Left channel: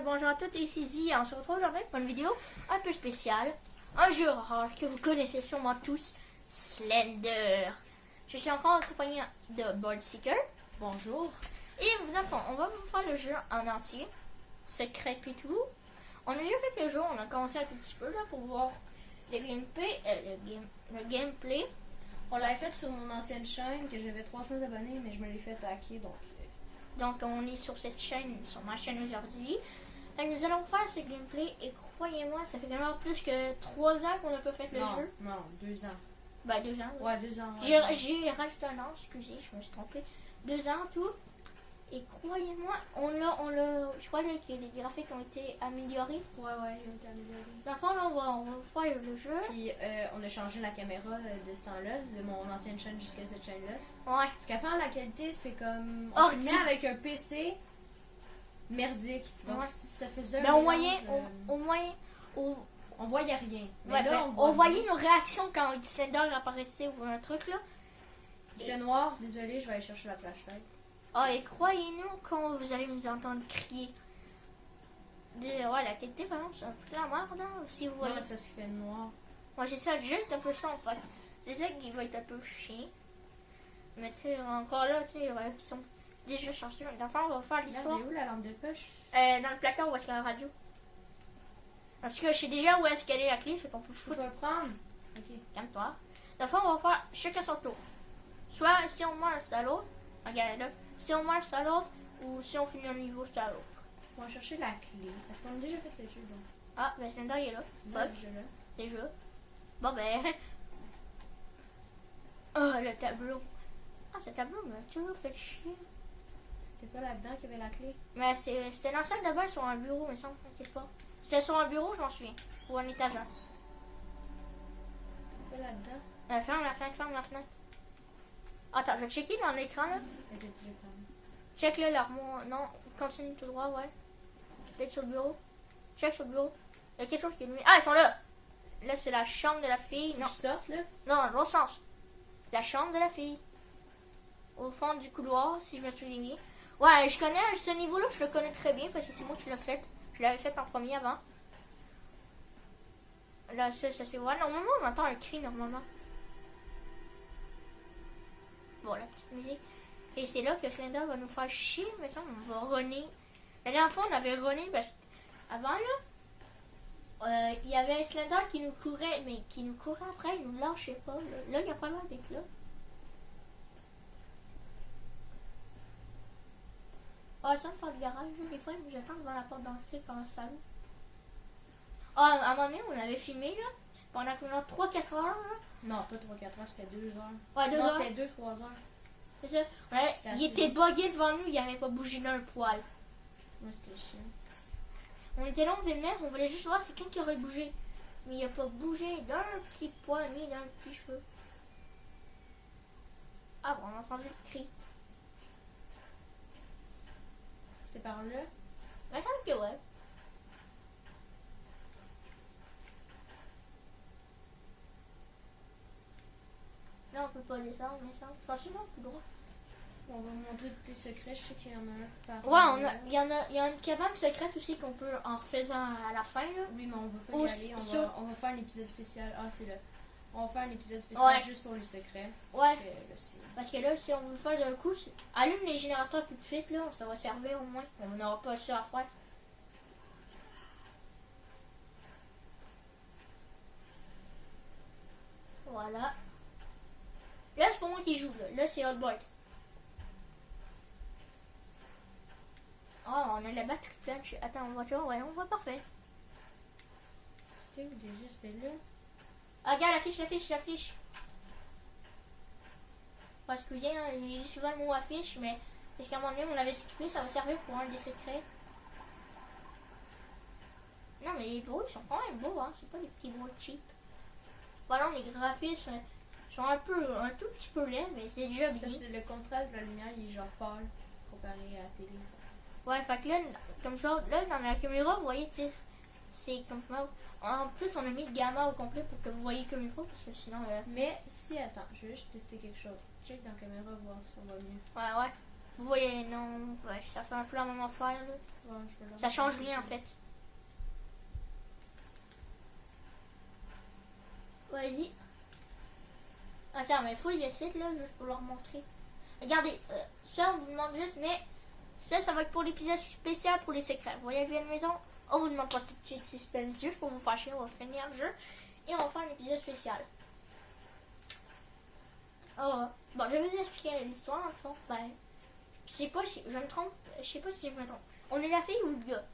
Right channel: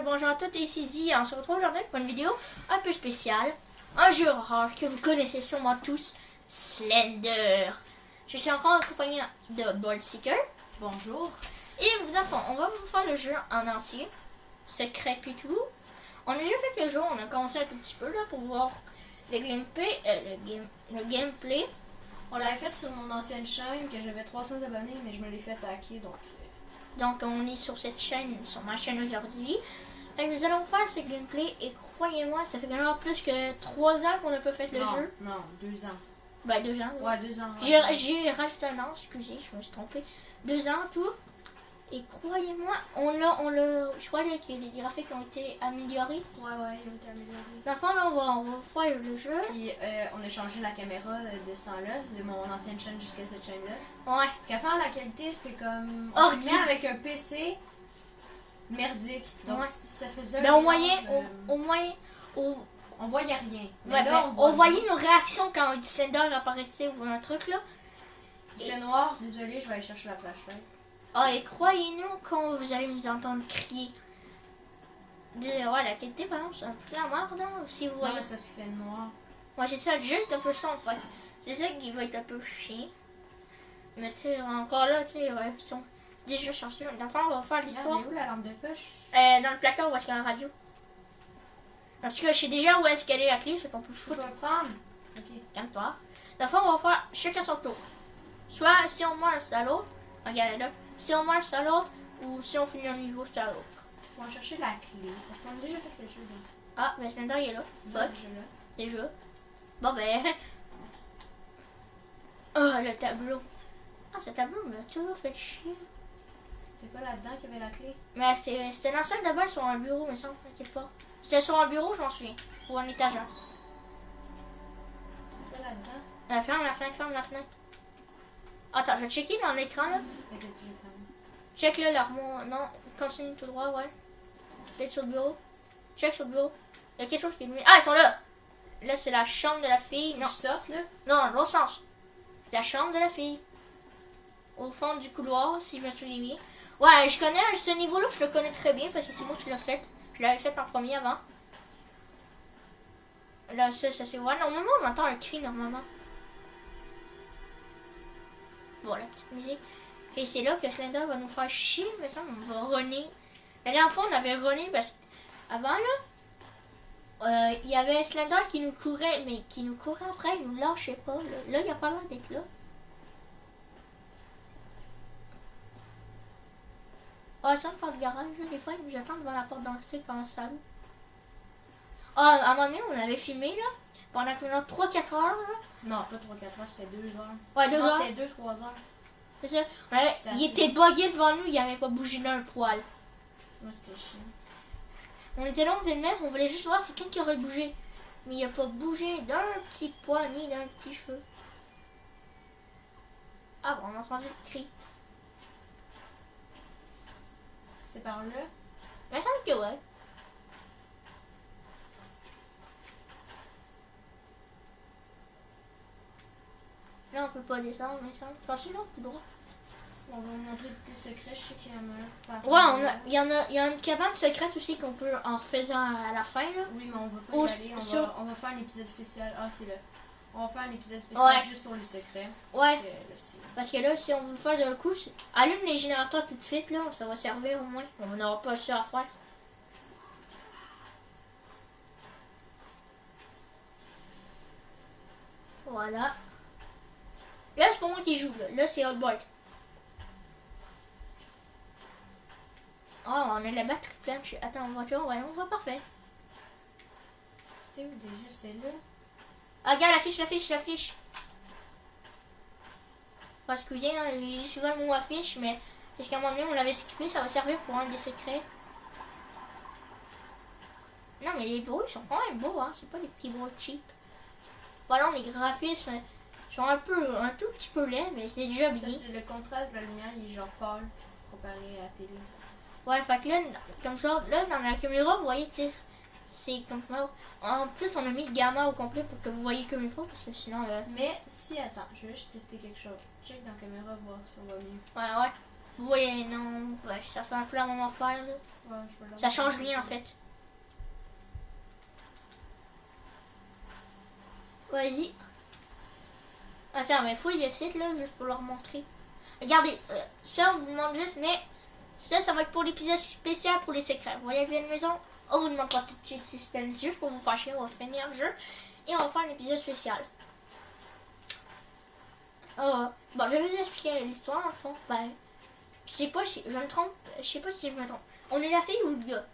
bonjour à toutes et ici Zia. On se retrouve aujourd'hui pour une vidéo un peu spéciale. Un jeu horreur que vous connaissez sûrement tous, Slender. Je suis encore accompagnée de Boldseeker. Bonjour. Et d'abord, on va vous faire le jeu en entier. Secret et tout. On a déjà fait le jeu, on a commencé un tout petit peu là pour voir le gameplay. On l'avait fait sur mon ancienne chaîne que j'avais 300 abonnés, mais je me l'ai fait hacker donc. Donc on est sur cette chaîne, sur ma chaîne aujourd'hui. Et nous allons faire ce gameplay et croyez-moi, ça fait quand même plus que 3 ans qu'on n'a pas fait le jeu. Non, 2 ans. Ben 2 ans. Oui. Ouais, 2 ans. J'ai rajouté un an, excusez, je me suis trompée. 2 ans tout. Et croyez-moi, je crois que les graphiques ont été améliorés. Ouais, ils ont été améliorés. D'enfant, là, on va faire le jeu. Puis on a changé la caméra de ce temps-là, de mon ancienne chaîne jusqu'à cette chaîne-là. Ouais. Parce qu'avant, la qualité, c'était comme. Oh, On filmait avec un PC merdique. Donc ouais. ça faisait Mais un au mélange, moyen, on voyait rien. Mais ouais, là, on voyait nos réactions quand Slender apparaissait ou un truc là. C'est noir, désolé, je vais aller chercher la flashlight. Ah, et croyez-nous quand vous allez nous entendre crier. Ouais, la qualité, par exemple, c'est un peu la merde, hein, si vous voyez. Non, mais ça se fait noir. Ouais, c'est ça, le jeu est un peu sombre, en fait. C'est ça qui va être un peu chiant. Mais tu sais, encore là, tu sais, ouais, c'est déjà chanceux. D'enfant, on va faire l'histoire. Elle est où la lampe de poche? Dans le placard où est-ce qu'il y a la radio. En tout cas, je sais déjà où est-ce qu'elle est la clé, fait qu'on peut le Tu foutre. peux le prendre? Ok. Calme-toi. D'enfant, on va faire chacun son tour. Soit si on meurt, c'est à l'autre. Regarde là. Si on meurt, c'est à l'autre. Ou si on finit un niveau, c'est à l'autre. On va chercher la clé. Parce qu'on a déjà fait le jeu. Donc. Ah, ben Slender, il est là. Ouais, Fuck. déjà là. Déjà. Bon, ben. Oh, le tableau. Ah, ce tableau m'a toujours fait chier. C'était pas là-dedans qu'il y avait la clé? Mais c'était dans la salle de bain sur un bureau, mais ça, t'inquiète pas. C'était sur un bureau, j'en souviens. Ou un étagère. C'était pas là-dedans? Ferme la fenêtre, ferme la fenêtre. Attends, je vais checker dans l'écran là. T'inquiète, je vais prendre. Check là l'armoire. Non, continue tout droit, ouais. Peut-être sur le bureau. Check sur le bureau. Il y a quelque chose qui est venu. Ah, ils sont là! Là, c'est la chambre de la fille. Non, Tu sortes là? non, dans l'autre sens. La chambre de la fille. Au fond du couloir, si je me souviens bien. Ouais, je connais ce niveau-là, je le connais très bien parce que c'est moi qui l'ai fait. Je l'avais fait en premier avant. Là, ça c'est ouais. Normalement, on entend un cri normalement. Bon, la petite musique. Et c'est là que Slender va nous faire chier, mais ça, on va runner. La dernière fois, on avait runné parce qu'avant, là, il y avait Slender qui nous courait, mais qui nous courait après, il nous lâchait pas. Là, il a pas l'air d'être là. Ah, ça, par le garage, là, des fois, ils nous attendent devant la porte d'entrée dans le salon. Ah, à un moment donné, on avait filmé, là, pendant 3-4 heures, là. Non, pas 3-4 heures, c'était 2 heures. Ouais, 2 non, heures. c'était 2-3 heures. C'est ça. Ouais, il était bugué devant nous, il avait pas bougé d'un poil. Moi, c'était chiant. On était là, on faisait le même, on voulait juste voir c'est qui aurait bougé. Mais il a pas bougé d'un petit poil ni d'un petit cheveu. Ah bon, on a entendu le cri. C'était par là? Il me semble que ouais. Là, on peut pas descendre, mais ça. Attention, là, tout droit. On va me montrer des petits secrets, je sais qu'il y en a un. Ouais, il y a une cabane secrète aussi qu'on peut en refaisant à la fin, là. Oui, mais on va pas Ou y aller. On va faire un épisode spécial. Ah, c'est là. On va faire un épisode spécial Ouais. juste pour les secrets. Ouais. Là, Parce que là, si on veut le faire d'un coup, allume les générateurs tout de suite, là. Ça va servir au moins. On n'aura pas ça à faire. Voilà. Là, c'est pas moi qui joue, là. Là, c'est Hotbolt. Oh, on a la batterie pleine. Attends, on voit parfait. C'était où déjà? C'était là? Ah, regarde, l'affiche. Parce que bien, il dit souvent le mot affiche, mais parce qu'à un moment donné, on l'avait skippé, ça va servir pour un des secrets. Non, mais les bruits sont quand même beaux, hein. C'est pas des petits bruits cheap. Voilà, les graphismes sont un tout petit peu laids, mais c'est déjà bien. Ça, c'est le contraste de la lumière, il est genre pâle comparé à la télé. Ouais, fait que là, comme ça, là, dans la caméra, vous voyez, c'est comme ça. En plus, on a mis le gamma au complet pour que vous voyez comme il faut, parce que sinon... Mais si, attends, je vais juste tester quelque chose. Check dans la caméra, voir si ça va mieux. Ouais. Vous voyez, non, ouais, ça fait un peu la même affaire, là. Ouais, je vais Ça change rien, en fait. Vas-y. Attends, mais fouille le site, là, juste pour leur montrer. Regardez, ça, on vous demande juste, mais ça va être pour l'épisode spécial pour les secrets. Vous voyez bien la maison? On vous demande pas tout de suite suspense, juste pour vous faire chier, on va finir le jeu. Et on va faire un épisode spécial. Bon, je vais vous expliquer l'histoire, en fond. Ben, je sais pas si je me trompe. Je sais pas si je me trompe. On est la fille ou le gars?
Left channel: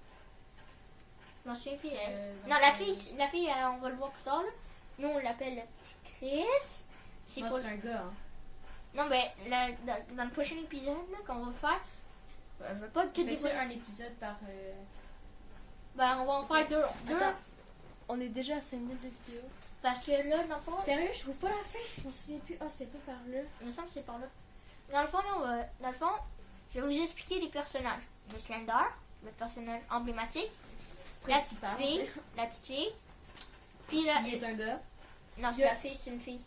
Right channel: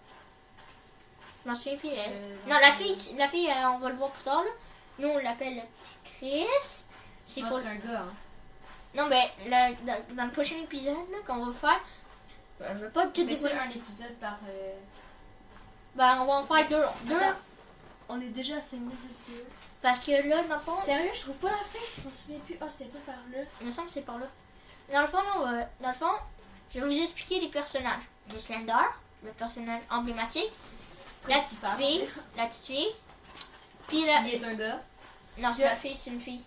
Je m'en souviens plus. Non, la fille, on va le voir plus tard, là. Nous, on l'appelle le petit Chris. C'est un gars, hein. Non, mais dans le prochain épisode là, qu'on va faire, je veux pas tout dévoiler. Un épisode par. Ben, on va en faire deux. On est déjà à 5 minutes de vidéo. Parce que là, dans le fond. Sérieux, je trouve pas la fin. Je me souviens plus. Oh, c'était pas par là. Il me semble que c'est par là. Dans le fond, non, dans le fond, je vais vous expliquer les personnages. Le Slender, le personnage emblématique. Principal. La petite fille. Puis la. Il est un gars. Non, c'est la fille, c'est une fille.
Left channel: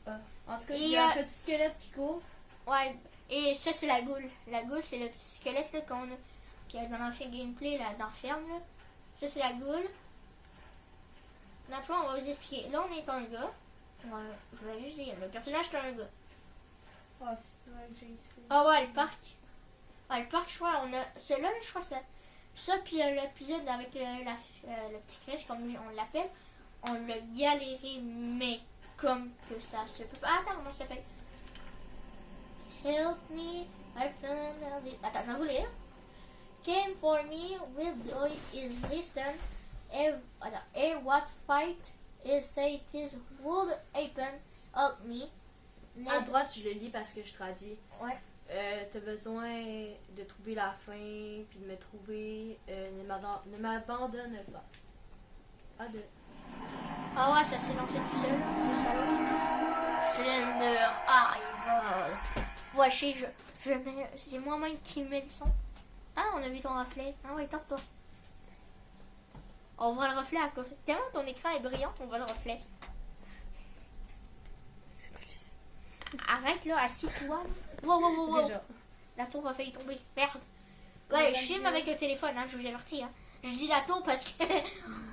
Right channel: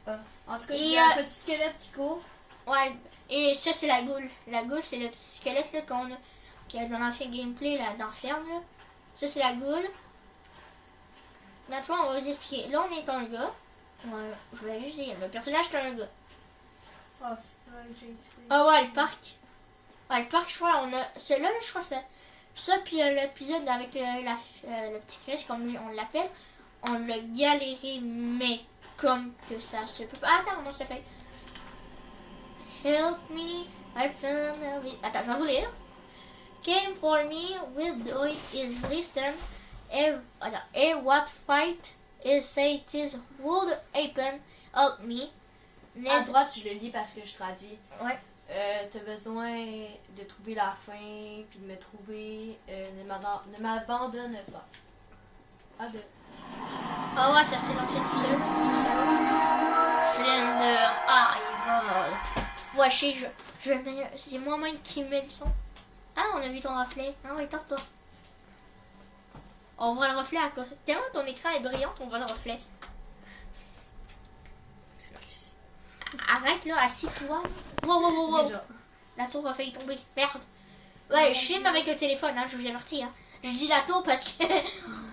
En tout cas, il y a un petit squelette qui court. Ouais, et ça, c'est la goule. La goule, c'est le petit squelette là, qu'il y a dans l'ancien gameplay là, dans la ferme. Là. Ça, c'est la goule. Maintenant, on va vous expliquer. Là, on est un gars. Ouais, je voulais juste dire, le personnage, c'est un gars. Oh, fuck, j'ai essayé. Ah ouais, le parc. Ouais, le parc, je crois, on a. Celui-là, je crois, ça. Ça, puis l'épisode avec le petit Chris, comme on l'appelle, on l'a galéré, mais comme que ça se peut pas. Attends, comment ça fait? Help me, I found a... Attends, je vais vous lire. Came for me, will do it is listen. What fight is say it is would happen. Help me. À droite, je le lis parce que je traduis. Ouais. T'as besoin de trouver la fin, puis de me trouver. Ne m'abandonne pas. Ah ben. Ah ouais, ça s'est lancé tout seul. C'est ça. Slender, il vole. Ouais, c'est moi-même qui mets le son. Ah, on a vu ton reflet. Ah ouais, tasse-toi. On voit le reflet à cause. Tellement ton écran est brillant, on voit le reflet. Arrête là, assis-toi. Wow. La tour a failli tomber. Merde. Ouais, je filme avec le téléphone, hein, je vous avertis. Hein. Je dis la tour parce que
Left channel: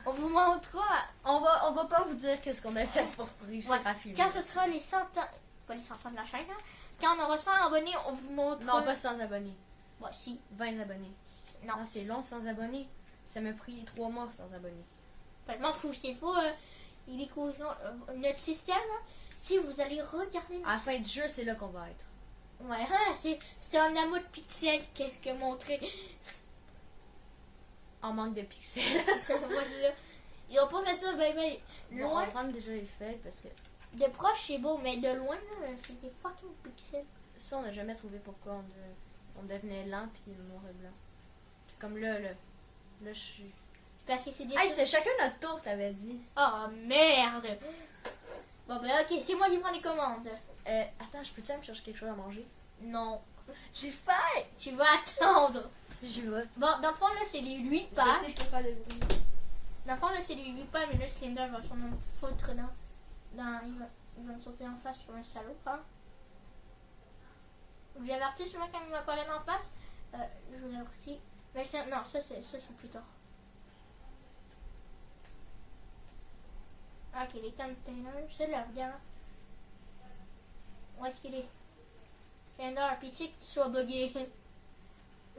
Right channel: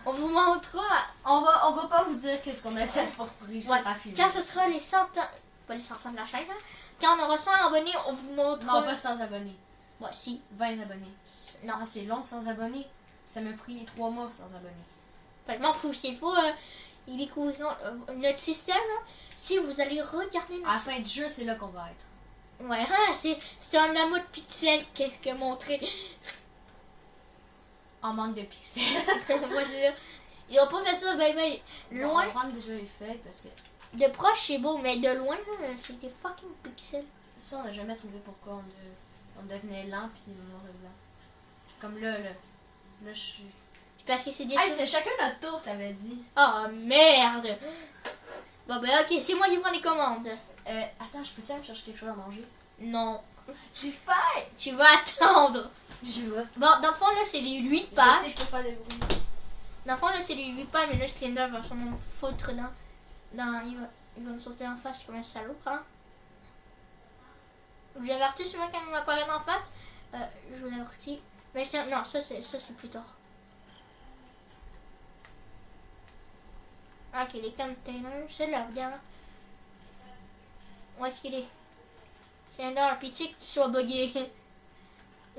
on vous montrera. On va pas vous dire qu'est-ce qu'on a fait pour réussir à filmer. Quand ce sera les 100 ans, pas les 100 ans de la chaîne, hein. Quand on aura 100 abonnés, on vous montrera. Non, pas 100 abonnés. Ouais, si. 20 abonnés. Non, c'est long sans abonnés. Ça m'a pris 3 mois sans abonnés. Je m'en fous. S'il faut, il découvriront notre système. Là, si vous allez regarder notre à la fin du jeu, c'est là qu'on va être. Ouais, c'est un amas de pixels. Qu'est-ce que montrer? En manque de pixels. Moi, ils ont pas fait ça, ben, loin. On va prendre déjà les feuilles parce que. De proche, c'est beau, mais de loin, c'est des fucking pixels. Ça, on n'a jamais trouvé pourquoi on devenait lent puis noir et blanc. Comme là, je suis. Parce que c'est des. Hey, c'est chacun notre tour, t'avais dit. Oh merde! Bon, ben, ok, c'est moi qui prends les commandes. Attends, je peux-tu aller me chercher quelque chose à manger? Non. J'ai faim! Tu vas attendre. J'y vais. Bon, dans le fond, là, c'est les 8 Je pages. sais pour faire des bruits. Dans le fond, là, c'est les 8 pages, mais là, Slender va sûrement foutre il va me sauter en face comme un salaud, hein. Je vous avertis souvent quand il m'apparaît en face. Je vous avertis. Mais non, ça c'est plus tard. Ok, les containers, c'est là, regarde. Où est-ce qu'il est? Slender, pitié que tu sois bugué.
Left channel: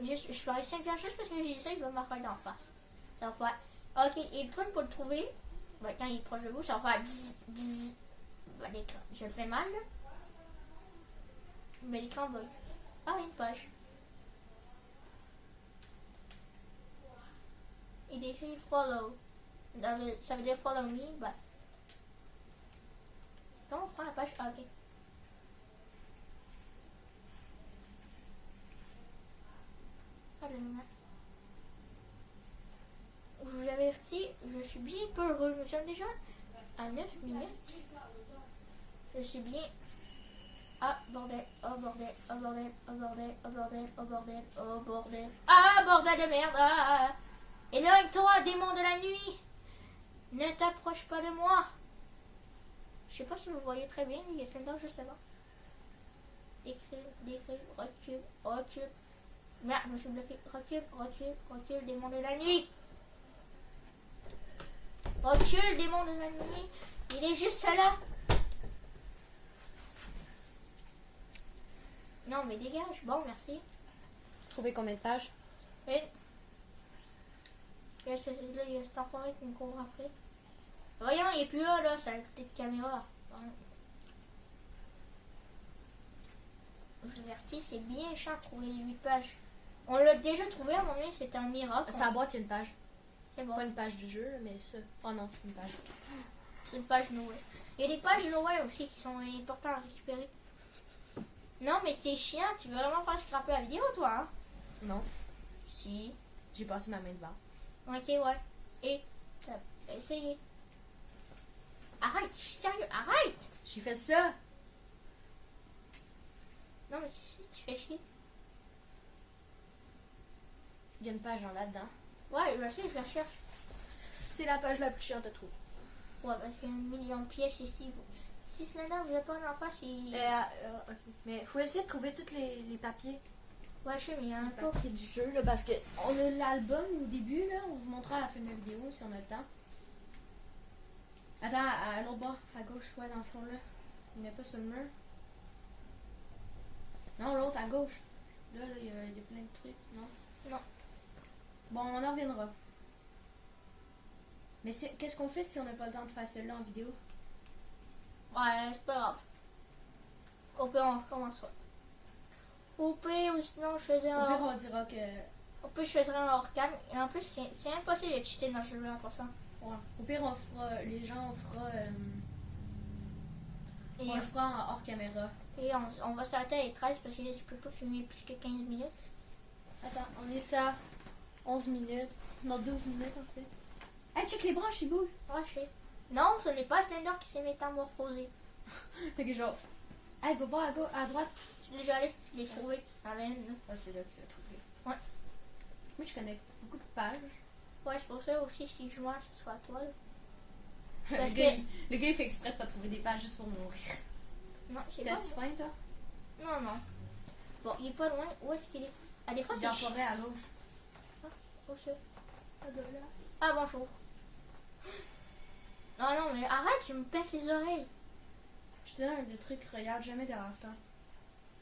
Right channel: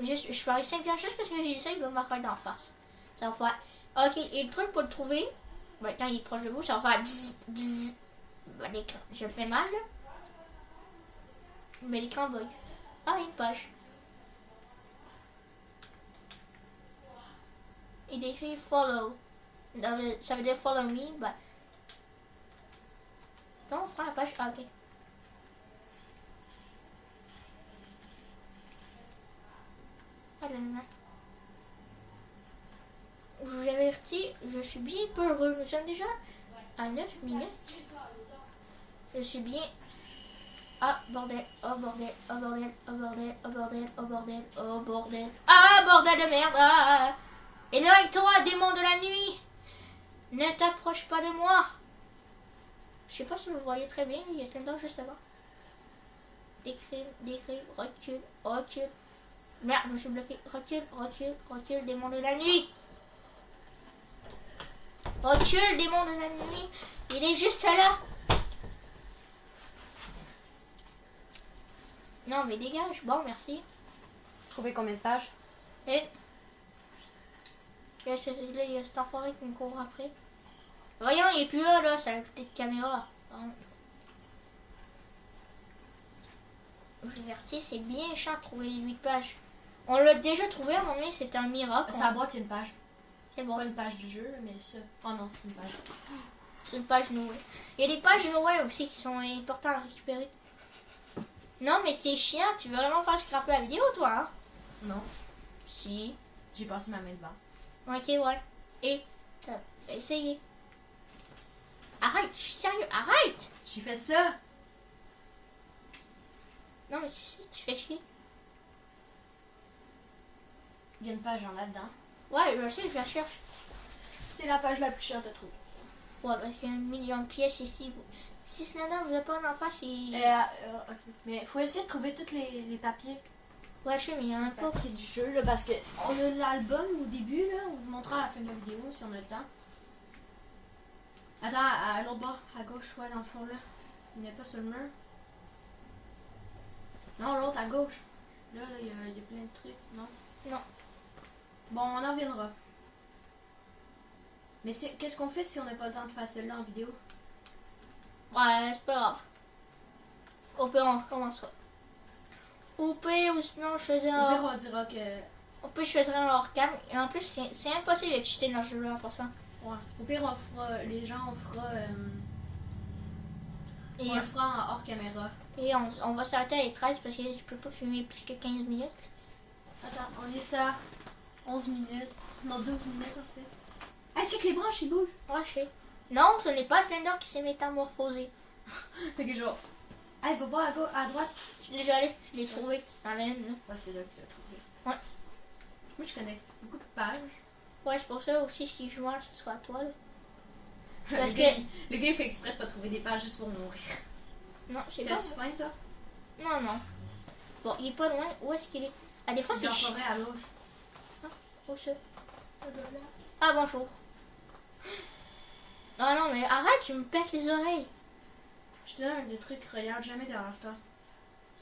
Je parie 5 piastres juste parce que j'ai ça, il va m'apparaître d'en face. Ça va faire. Ok, et le truc pour le trouver, ben, quand il est proche de vous, ça va faire bzzz, bzzz. Ben, l'écran, je le fais mal là. Mais l'écran bug. Ah, une page. Il écrit follow. Ça veut dire follow me, ben. Non, on prend la page. Ah, ok. Ah, là, là. Je vous avertis, je suis bien peu heureux. Nous sommes déjà à 9 minutes. Je suis bien. Ah, bordel, oh bordel, oh bordel, oh bordel, oh bordel, oh bordel, oh bordel. Ah, bordel de merde. Ah. Éloigne-toi, démon de la nuit. Ne t'approche pas de moi. Je sais pas si vous voyez très bien, il y a quelqu'un juste là. Décrire, recule, recule. Merde, je me suis bloqué. Recule, recule, recule, démon de la nuit. Recule, démon de la nuit. Il est juste là. Non, mais dégage. Bon, merci. Trouver combien de pages? Et il y a cet enfoiré qui me court après. Voyons, il est plus là, c'est la petite caméra. Bon. Diverti, c'est bien chiant de trouver les 8 pages. On l'a déjà trouvé à un moment donné, c'était un miracle. Sa boîte, il y a une page. C'est bon. Pas une page du jeu, mais ça. Oh non, c'est une page. C'est une page Noël. Il y a des pages Noël aussi qui sont importantes à récupérer. Non, mais t'es chiant, tu veux vraiment faire scraper la vidéo, toi, hein? Non, Si. j'ai passé ma main devant. Ok, ouais. Et t'as essayé. Arrête, je suis sérieux, arrête! J'ai fait ça. Non, mais tu fais chier. Il y a une page en là-dedans. Ouais, je sais, je la cherche. C'est la page la plus chère de trouver. Ouais, parce qu'il y a 1 million de pièces ici. Si Slender vous a pas en face, il... Ok. Mais faut essayer de trouver tous les papiers. Ouais, je sais, mais il y en a Les pas. papiers du jeu, là, parce que on a l'album au début, là. On vous montrera à la fin de la vidéo si on a le temps. Attends, à l'autre bord, à gauche, ouais, dans le fond, là. Il n'est pas sur le mur. Non, l'autre, à gauche. Là, il y a plein de trucs, non? Non. Bon, on en reviendra. Mais qu'est-ce qu'on fait si on n'a pas le temps de faire celui-là en vidéo? Ouais, c'est pas grave. Au pire, on recommencera. Au pire, ou sinon, je faisais Au pire, un... on dira que... Au pire, je faisais un hors-cam. Et en plus, c'est impossible de cheater dans ce jeu-là en passant. Ouais. Au pire, on fera... Les gens, on fera... Et, on le fera en hors caméra. et on va s'arrêter à les 13 parce que je peux pas filmer plus que 15 minutes. Attends, on est à 11 minutes. Non, 12 minutes, en fait. Hey, check les branches, ils bougent. Ouais, je sais. Non, ce n'est pas Slender qui s'est métamorphosé. Fait que genre... Hey, va voir à droite. Je suis déjà allé, je l'ai trouvé dans la haine. Ouais, c'est là que tu l'as trouvé. Ouais. Moi, je connais beaucoup de pages. Ouais, c'est pour ça aussi, si je meurs, ce sera à toi. Là. Le Parce gars, que... le gars, il fait exprès de pas trouver des pages juste pour mourir. Non, c'est pas... T'as-tu faim, toi? Non, non. Bon, il est pas loin. Où est-ce qu'il est? Ah, des fois, Il est c'est en chiant. forêt à gauche. Où ça? Ah, bonjour. Ah non, mais arrête, tu me pètes les oreilles. Je te donne des trucs, regarde jamais derrière toi.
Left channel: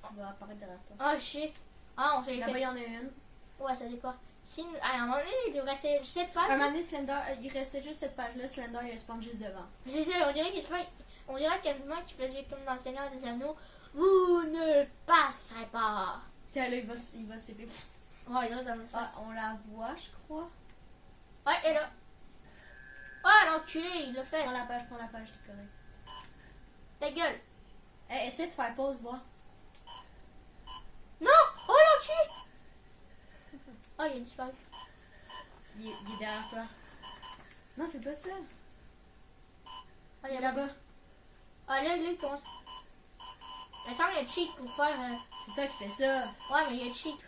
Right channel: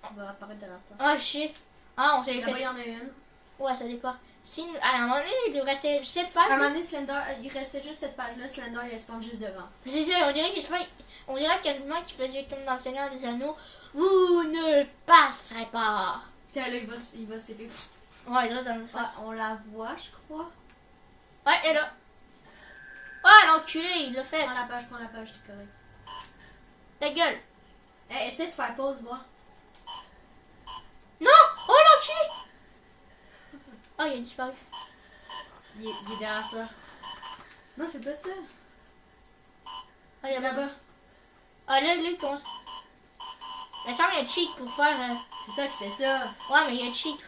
Ça va apparaître derrière toi. Ah, je sais. Ah, on s'est Là-bas, il fait... y en a une. Ouais, ça dépend. Si, à un moment donné, il nous restait 7 À un pages. moment donné, Slender, il restait juste cette page-là. Slender, il spawn juste devant. C'est ça, on dirait qu'il fait... On dirait quelqu'un qui faisait comme dans le Seigneur des Anneaux. Vous ne passerez pas. Tiens, là, il va se taper. Ouais, là, dans le face. Ah, on la voit, je crois. Ouais, elle est là. Ah, l'enculé, il l'a fait. Prends la page, t'es correct. Ta gueule. Hey, essaie de faire pause, voir. Non. Oh, l'enculé. Oh, il a disparu. Il est derrière toi. Non, fais pas ça. Ah, Il est là-bas. Ah, là, lui, il commence. Mais ça, il y a cheat pour faire... C'est toi qui fais ça. Ouais, mais il y a cheat.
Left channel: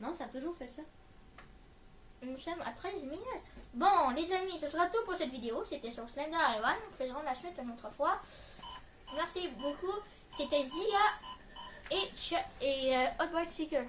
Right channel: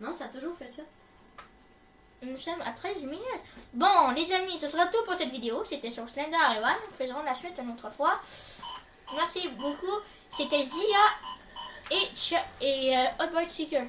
Non, ça a toujours fait ça. Nous sommes à 13 minutes. Bon, les amis, ce sera tout pour cette vidéo. C'était sur Slender et One. Nous faisons la suite une autre fois. Merci beaucoup. C'était Zia et Hotbird Seeker.